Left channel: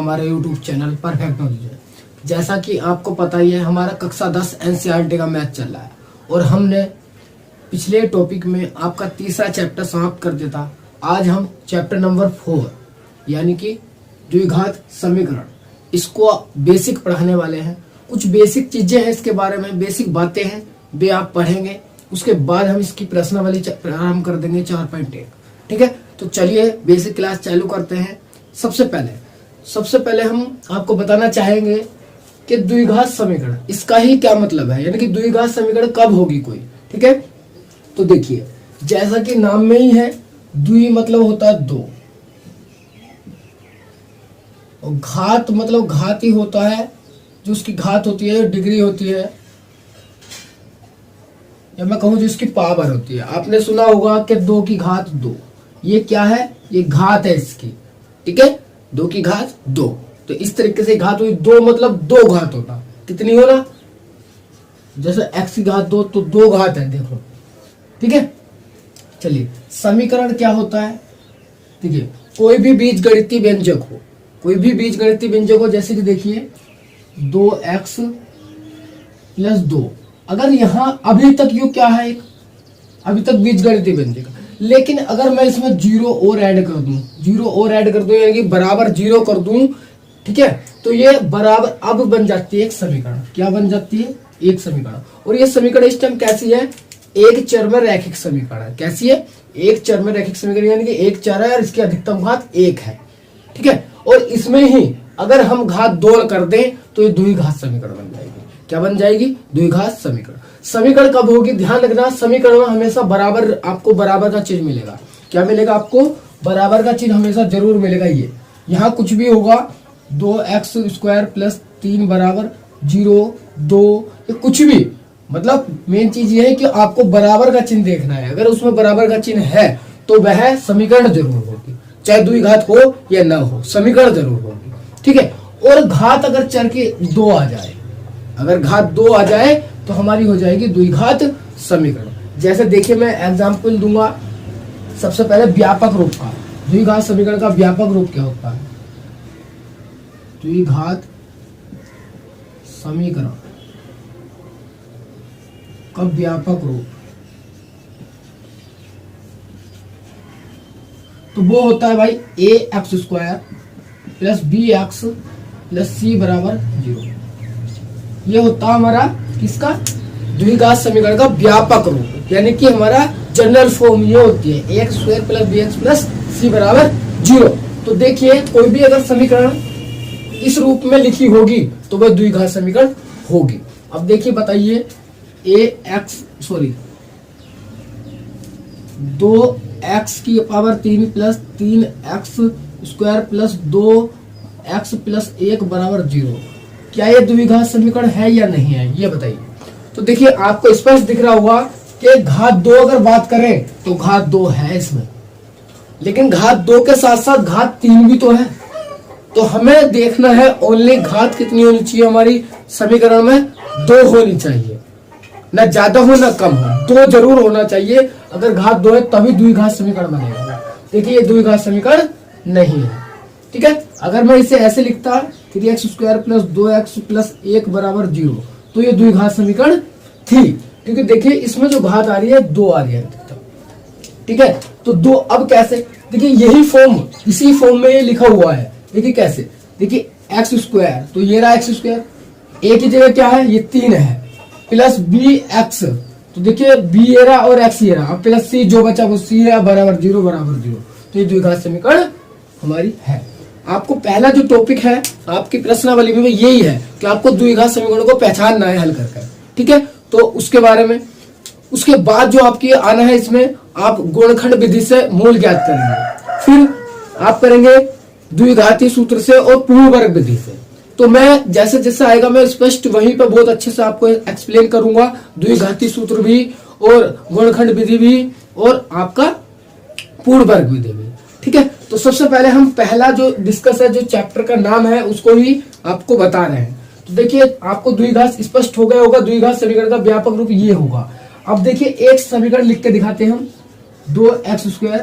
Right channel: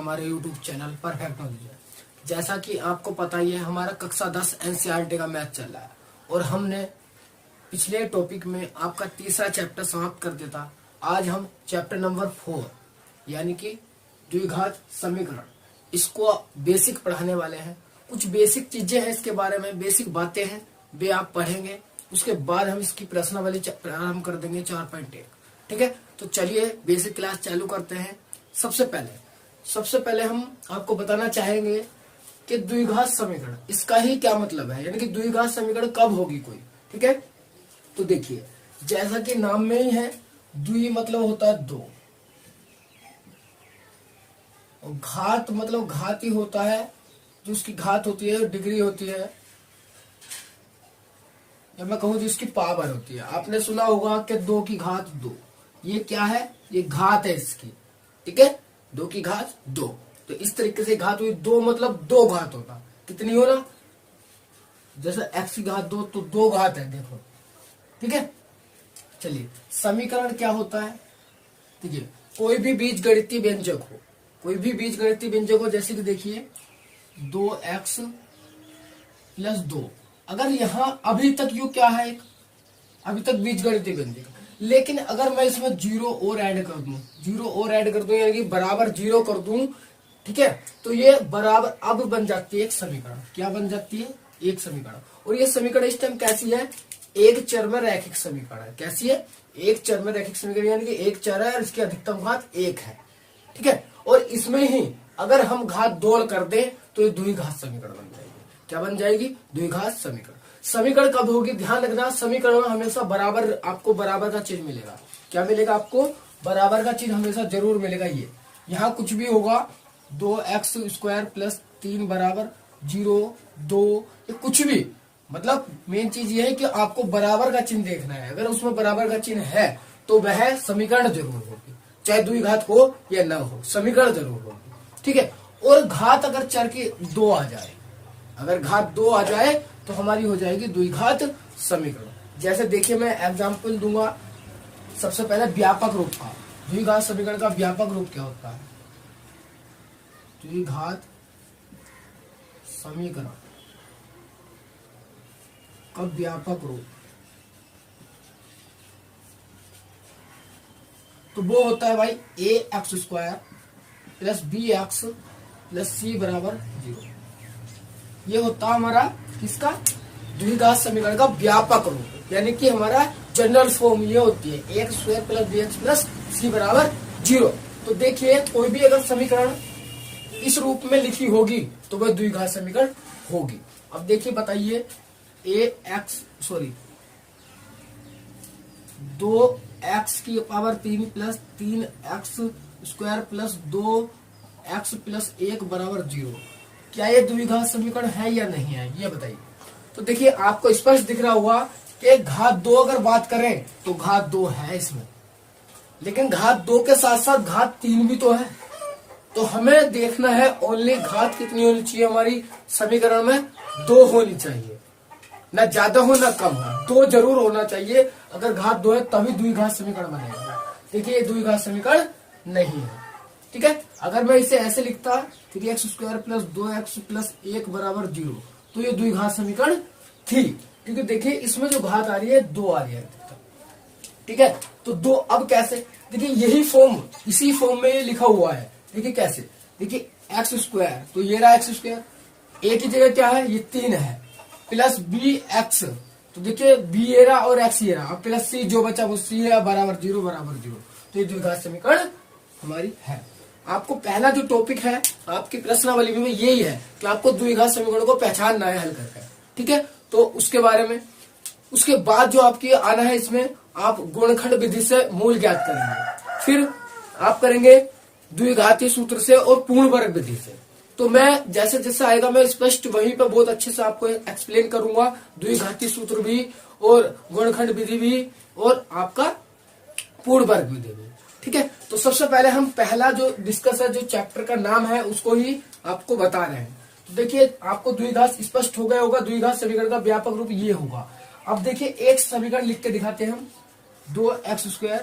हमारे YouTube channel perfect knowledge. जैसा कि आपको पता ही है, हमारा कक्षा 10 एनसीईआरटी का मैथ चल रहा है और हमने पिछले टॉपिक में आपका तीसरा चैप्टर समाप्त कर दिया था। आज हम चैप्टर नंबर 4 यानी कि द्विघात समीकरण, इसको बेसिक पढ़ाने वाले हैं। कुछ बेसिक चीजें हैं इसके बारे में, बेसिक बातें हैं, वे आप पढ़ेंगे। उसके बाद हम इसकी प्रश्नावली प्रारंभ कर देंगे 4.1। ठीक है, तो चलिए बेसिक क्लास चालू करते हैं। सबसे पहले हम आपको बताना चाहेंगे कि द्विघात समीकरण, इसका ही क्या मतलब है, यानी कि द्विघात समीकरण कब होगी कोई। ठीक है, तो देखिए जैसा कि नाम में ही है, द्वि मतलब होता है दो, और घात मतलब घात ही होता है, जो उसकी घात होती है, डिग्री होती है, या मैं कहूं जो इसकी पावर होती है। आपने सुना होगा कि 2 की घात 2, ये क्या है, ये घात है इसकी। ठीक है, 2 की घात 2, तो इस तरीके से घात हुई। 2 मतलब 2 घात होता, कितनी होना, जैसे x की घात 2 तो 2 घात है, देखो। ठीक है, चलिए समीकरण क्या होता है। देखिए कोई भी बीजगणितीय व्यंजक हो, कोई भी बीजगणितीय व्यंजक हो, जैसे कि देखिए 2x + 2, अगर यहां अभी तक यू क्या है, अभी तक बीजगणितीय व्यंजक, लेकिन अगर मैं इसमें 0 और ऐड कर दूं, 0 और ऐड कर दूं, यानी कि बराबर 0 कर दूं, ठीक है, तो ये बराबर अब बन जाती है एक समीकरण। क्या बन जाती है, एक समीकरण। और ये समीकरण इस टाइम कैसी है, एक चर में रैखिक समीकरण है। कैसी है, एक चर में रैखिक समीकरण, यानी कि एक चर है और इसकी अधिकतम घात 1 है। ठीक है, और इसमें ही अगर हम घात 2 कर दें तो ये द्विघात समीकरण बन जाएगी। क्या बन जाएगी, द्विघात समीकरण। समीकरण कब होगी, ध्यान रखना, समीकरण में हमेशा बराबर, आपको बराबर का चिन्ह मिलेगा। क्या मिलेगा, आपको बराबर का चिन्ह हमेशा जरूर मिलेगा। ये यहाँ कुछ भी होगा, 2x² + 3 = 0, 2, ये कुछ भी, मतलब मेन चीज ये है कि आपको बराबर का चिन्ह देखना है। अगर उसमें बराबर का चिन्ह है तो वह समीकरण जरूर होगी, चाहे द्विघात हो या न हो, समीकरण जरूर होगी। ठीक है, और घात अगर चर के 2 आ जाए, अगर घात 2 आ जाए तो हमारी हो जाएगी द्विघात समीकरण। जैसे देखिए मैं एग्जांपल दूंगा। सबसे पहले व्यापक रूप का, द्विघात समीकरण का व्यापक रूप क्या होता है, द्विघात समीकरण का व्यापक रूप, तो वो होता है भाई ax² + bx + c = 0। ये होता है हमारा किसका, द्विघात समीकरण का व्यापक रूप, यानी कि हमारा जनरल फॉर्म ये होती है ax² + bx + c = 0। तो देखिए कोई भी अगर समीकरण इस रूप में लिखी होगी तो वह द्विघात समीकरण होगी। अब देखिए बताइए, 2x³ + 3x² + 2x + 1 = 0, क्या ये द्विघात समीकरण है या नहीं है, ये बताइए। तो देखिए आपको स्पष्ट दिख रहा होगा कि घात 2 अगर बात करें तो घात 2 है इसमें, लेकिन घात 2 के साथ साथ घात 3 भी तो है। तो हमें देखना है ओनली घात कितनी होनी चाहिए हमारी समीकरण में, 2 होनी चाहिए, ना ज्यादा हो ना कम हो, 2 जरूर होना चाहिए। अगर घात 2 है तभी द्विघात समीकरण बनेगा। देखिए ये द्विघात समीकरण नहीं है। ठीक है, अगर मैं इसे ऐसे लिखता 3x² + 2x + 1 = 0, तो ये द्विघात समीकरण थी, क्योंकि देखिए इसमें जो घात आ रही है 2 आ रही है। ठीक है, तो 2 अब कैसे, देखिए यही फॉर्म, इसी फॉर्म में ये लिखा हुआ है। देखिए कैसे, देखिए x², तो ये रहा x², a की जगह क्या है, ये 3 है, + bx, तो देखिए b ये रहा और x ये रहा, अब + c जो बचा वो c है, = 0, तो ये द्विघात समीकरण हमारी है। आपको पहला जो टॉपिक है आपकी प्रश्नावली में यही है कि आपको द्विघात समीकरणों को पहचानना है हल कर। ठीक है, तो उसके बारे में, उसके बाद जो आपकी आना है, इसमें आप गुणनखंड विधि से मूल ज्ञात करेंगे, फिर आप करेंगे द्विघाती सूत्र से और पूर्ण वर्ग विधि से। तो मैं जैसे जैसे आएगा मैं स्पष्ट वहीं पर बहुत अच्छे से आपको एक्सप्लेन करूंगा, द्विघाती सूत्र भी और गुणनखंड विधि भी और आपका पूर्ण वर्ग विधि भी। ठीक है, तो सबसे पहले हम पहला जो डिस्कस है, जो चैप्टर का नाम है उसको ही आपको बता रहे हैं। तो देखिए आपको द्विघात स्पष्ट हो गया होगा, द्विघात समीकरण का व्यापक रूप ये होगा। अब देखिए एक समीकरण लिख के दिखाते हैं हम, 2x²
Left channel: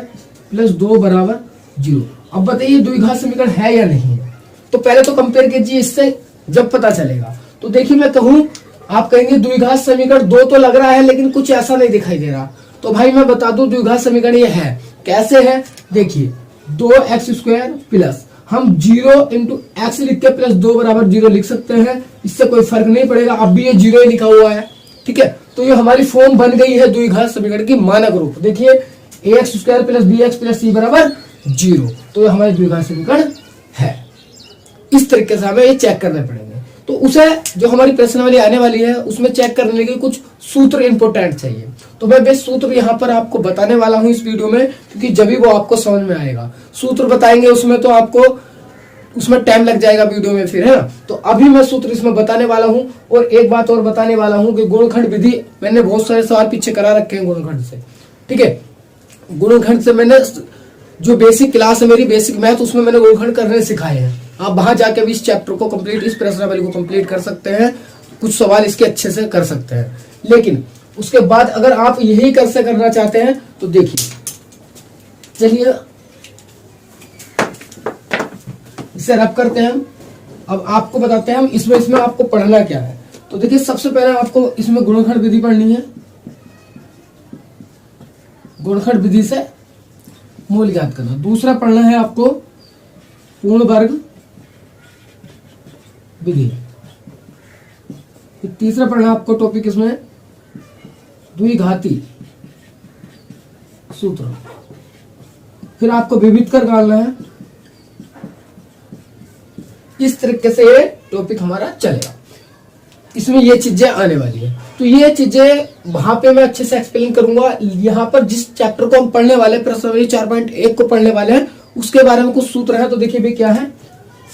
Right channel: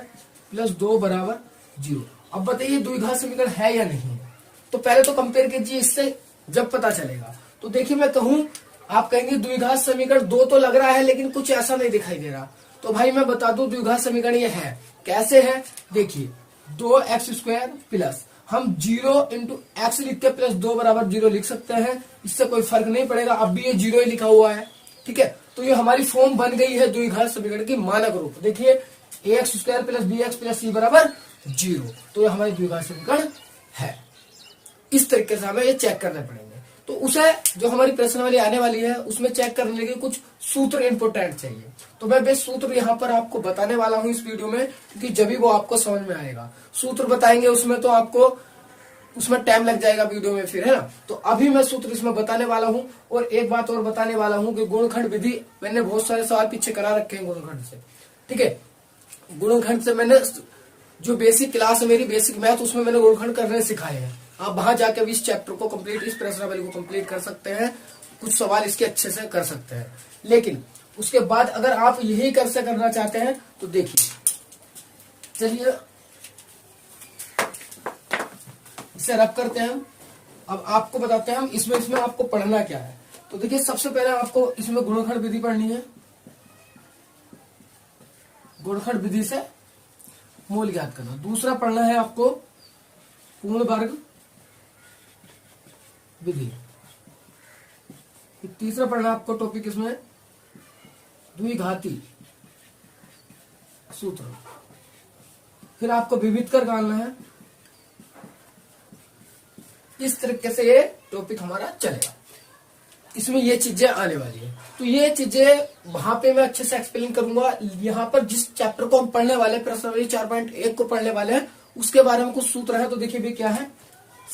+ 2 = 0। अब बताइए द्विघात समीकरण है या नहीं है। तो पहले तो कंपेयर कीजिए इससे, जब पता चलेगा। तो देखिए मैं कहूं, आप कहेंगे द्विघात समीकरण 2 तो लग रहा है लेकिन कुछ ऐसा नहीं दिखाई दे रहा। तो भाई मैं बता दूं द्विघात समीकरण ये है, कैसे है, देखिए 2x² प्लस हम 0 इंटू एक्स लिख के प्लस 2 बराबर 0 लिख सकते हैं, इससे कोई फर्क नहीं पड़ेगा, अब भी ये 0 ही लिखा हुआ है, ठीक है। तो ये हमारी फॉर्म बन गई है द्विघात समीकरण की मानक रूप। देखिए ax² plus bx plus c बराबर 0, तो ये हमारी द्विघात समीकरण है। इस तरीके से हमें ये चेक करने पड़ेंगे। तो उसे जो हमारी प्रश्नावली आने वाली है उसमें चेक करने के कुछ सूत्र इंपोर्टेंट चाहिए, तो मैं बेस्ट सूत्र यहाँ पर आपको बताने वाला हूँ इस वीडियो में, क्योंकि जब भी वो आपको समझ में आएगा। सूत्र बताएंगे उसमें तो आपको उसमें टाइम लग जाएगा वीडियो में फिर, है ना। तो अभी मैं सूत्र इसमें बताने वाला हूँ। और एक बात और बताने वाला हूँ कि गुणनखंड विधि मैंने बहुत सारे सवाल पीछे करा रखे हैं गुणनखंड से, ठीक है। गुणनखंड से मैंने जो बेसिक क्लास है मेरी बेसिक मैथ, उसमें मैंने गुणनखंड करने सिखाए हैं। आप वहां जाके भी इस चैप्टर को कंप्लीट, इस प्रश्नावली को कंप्लीट कर सकते हैं, कुछ सवाल इसके अच्छे से कर सकते हैं। लेकिन उसके बाद अगर आप यही कैसे करना चाहते हैं तो देखिए, चलिए इसे रब करते हैं। अब आपको बताते हैं हम इसमें आपको पढ़ना क्या है। तो देखिए सबसे पहले आपको इसमें गुणनखंड विधि पढ़नी है, गुणनखंड विधि से मूल ज्ञात करना। दूसरा पढ़ना है आपको पूर्ण वर्ग विधि। तीसरा पढ़ना आपको टॉपिक इसमें द्विघाती सूत्र। फिर आपको विविध कर निकालना है। इस तरीके से ये टॉपिक हमारा चलेगा, इसमें ये चीजें आने वाली है। तो ये चीजें वहां पे मैं अच्छे से एक्सप्लेन करूंगा। यहाँ पर जिस चैप्टर को हम पढ़ने वाले, प्रश्नावली 4.1 को पढ़ने वाले हैं, उसके बारे में कुछ सूत्र है। तो देखिए भी क्या है,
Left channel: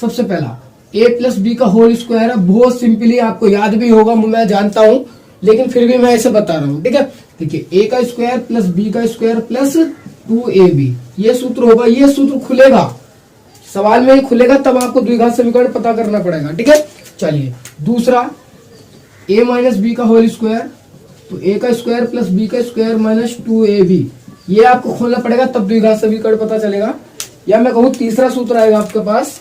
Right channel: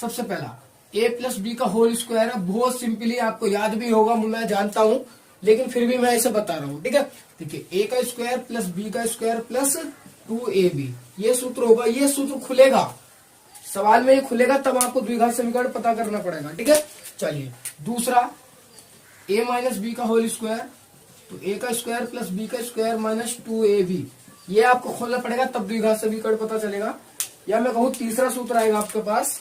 सबसे पहला a प्लस बी का होल स्क्वायर है। बहुत सिंपली आपको याद भी होगा मैं जानता हूं, लेकिन फिर भी मैं ऐसे बता रहा हूं, ठीक है। देखिए a का स्क्वायर प्लस b का स्क्वायर प्लस 2ab, ये सूत्र होगा। ये सूत्र खुलेगा, सवाल में ही खुलेगा, तब आपको द्विघात समीकरण पता करना पड़ेगा, ठीक है। चलिए दूसरा a माइनस बी का होल स्क्वायर, तो a का स्क्वायर प्लस b का स्क्वायर माइनस 2ab, ये आपको खोलना पड़ेगा, तब द्विघात समीकरण पता चलेगा। या मैं कहूँ तीसरा सूत्र आएगा आपके पास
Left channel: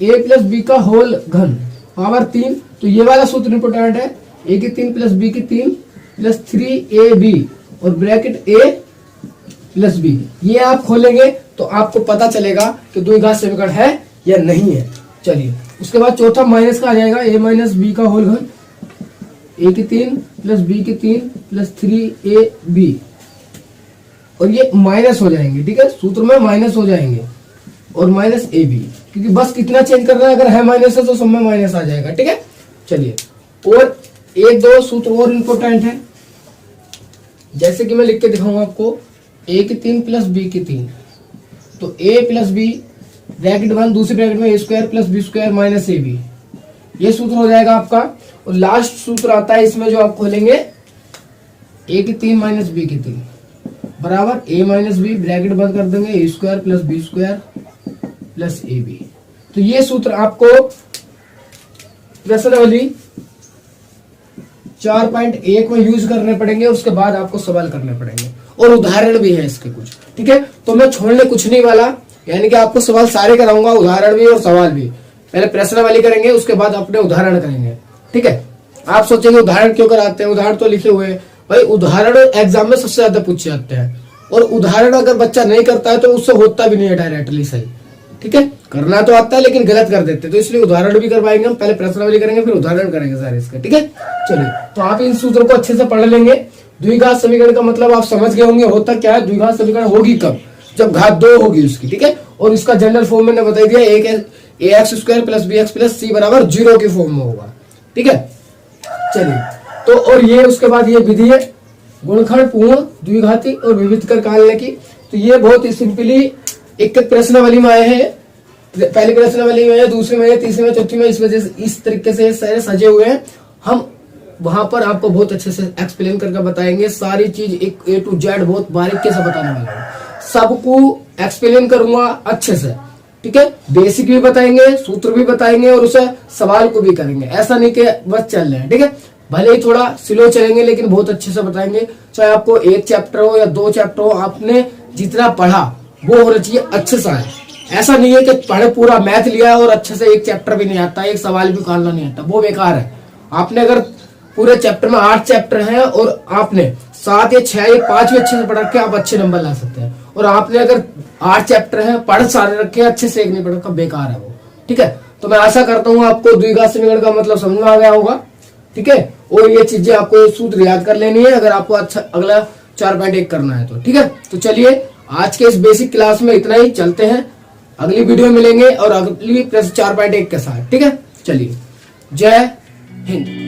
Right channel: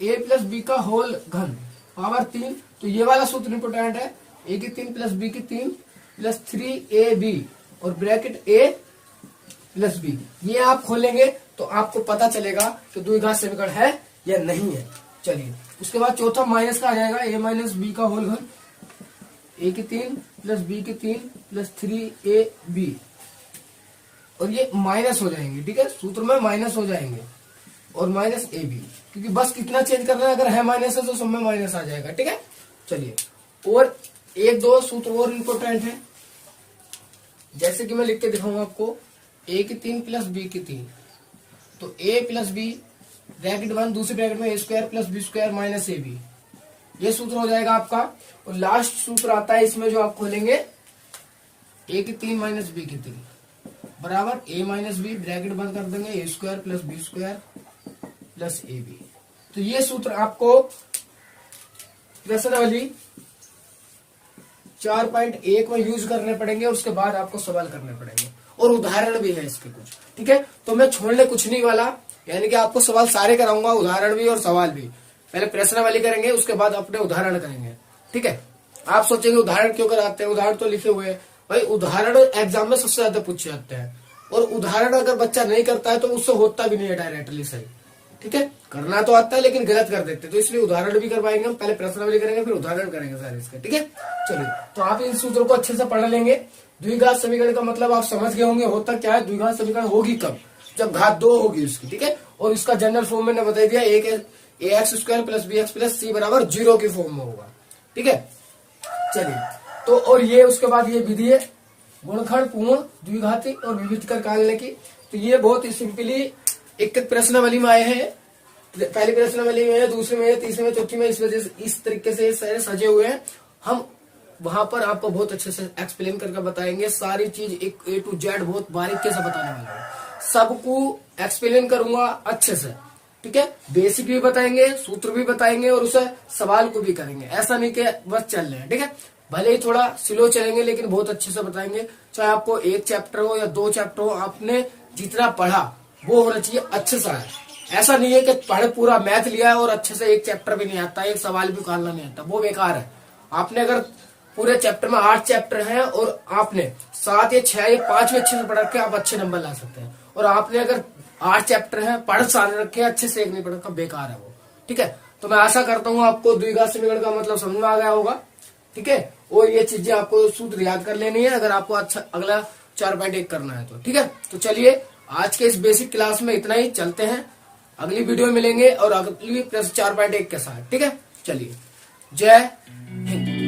a प्लस बी का होल घन पावर 3, तो ये वाला सूत्र इंपोर्टेंट है, a की 3 प्लस b की 3 प्लस 3ab और ब्रैकेट a प्लस b। ये आप खोलेंगे तो आपको पता चलेगा कि द्विघात समीकरण है या नहीं है। चलिए उसके बाद चौथा माइनस का आ जाएगा, a माइनस बी का होल घन, a की 3 प्लस b की 3 प्लस 3ab, और ये माइनस हो जाएंगे, ठीक है, सूत्र में माइनस हो जाएंगे, और माइनस ab, क्योंकि बस कितना चेंज करना है, अगर है माइनस है तो सब में माइनस आ जाएगा, ठीक है। चलिए और एक दो सूत्र और इंपोर्टेंट है, जैसे कि मैं लिख के दिखाऊंगा आपको। a की 3 प्लस b की 3, तो a प्लस b ब्रैकेट 1, दूसरे ब्रैकेट में a square plus b square minus ab, ये सूत्र हो जाएगा आपका। और लास्ट सूत्र आता है इसमें जो आप खोलेंगे, a की 3 माइनस b की 3 बराबर a माइनस बी, ब्रैकेट बंद कर देंगे, a square plus b square plus ab। तो ये सूत्र आपको प्रश्नावली 4.1 में यूज करने पड़ेंगे, उसके बाद आपको सवाल करने पड़ेंगे, और उदाहरण भी है इसके कुछ, ठीक है। तो मैं छोड़ने कुछ नहीं वाला, यानी कि आपको सवाल सारे कराऊंगा, उदाहरण भी और सवाल भी। पहले प्रश्नावली करेंगे, उसके बाद अपने उदाहरण करेंगे, ठीक है। आप सोचेंगे उदाहरण क्यों कराते हैं, उदाहरण तो लिखे हुए हैं भाई। उदाहरण एग्जाम में सबसे ज्यादा पूछे जाते हैं, और उदाहरण अगर बच्चा नहीं करता है तो उससे होता भी नहीं है डायरेक्टली सही, ठीक है। करना तो आता है लेकिन गलत कर देते हैं, तो इसलिए उदाहरण भी करवाएंगे हम। पहले प्रश्नावली करेंगे फिर उदाहरण करेंगे सारे इसके, ठीक है। चलिए तो आप इन सूत्रों को अच्छे से पढ़ लेंगे। द्विघात समीकरण का मतलब आप समझ गए होंगे होता क्या है। द्विघात समीकरण होगी कब, जब घात 2 होगी उसकी, ठीक है। और इसका जनरल फॉर्म मैंने बता दिया, एक ax square plus bx plus c बराबर 0 की फॉर्म में होगा, ठीक है। चलिए तो और ये उसके बाद ये विधि है गुणनखंड, पूर्ण, द्विघाती और विविध कर निकालने की। तो ये बहुत ही सिंपली एक प्रश्नावली में आए हैं, पहली प्रश्नावली में, दूसरी में, तीसरी में, चौथी में, इस वजह से इस तरीके से सारे सजे हुए हैं। हम वहां पर आपको बहुत अच्छे से एक्सप्लेन करके बताएंगे, सारी चीज एक A to Z बहुत बारीकी से बताने वाला हूँ, सबको एक्सप्लेन करूंगा अच्छे से, ठीक है। बेसिक भी बताएंगे, सूत्र भी बताएंगे, और उसे सवाल को भी करेंगे। ऐसा नहीं कि बस चल रहे हैं, ठीक है। भले ही थोड़ा स्लो चलेंगे लेकिन बहुत अच्छे से बताएंगे। चाहे आपको 1 चैप्टर हो या 2 चैप्टर हो, आपने जितना पढ़ा वो होना चाहिए अच्छे से आए, ऐसा नहीं है कि पढ़े पूरा मैथ लिया है और अच्छे से एक चैप्टर भी नहीं आता, एक सवाल भी निकालना नहीं आता, वो बेकार है। आपने अगर पूरे चैप्टर में 8 चैप्टर हैं और आपने 7 या 6 या 5 भी अच्छे से पढ़ रखे, आप अच्छे नंबर ला सकते हैं। और आपने अगर 8 चैप्टर हैं, पढ़ सारे रखे, अच्छे से एक नहीं पढ़ रखा, बेकार है वो। ठीक है, तो मैं आशा करता हूँ आपको द्विघात समीकरण का मतलब समझ में आ गया होगा। ठीक है, और ये चीजें आपको सूत्र याद कर लेनी है अगर आपको अच्छा अगला 4.1 करना है तो। ठीक है, तो चलिए आज के इस बेसिक क्लास में इतना ही, चलते हैं अगली वीडियो मिलेंगे और अगली प्रश्न 4.1 के साथ। ठीक है, चलिए, जय हिंद।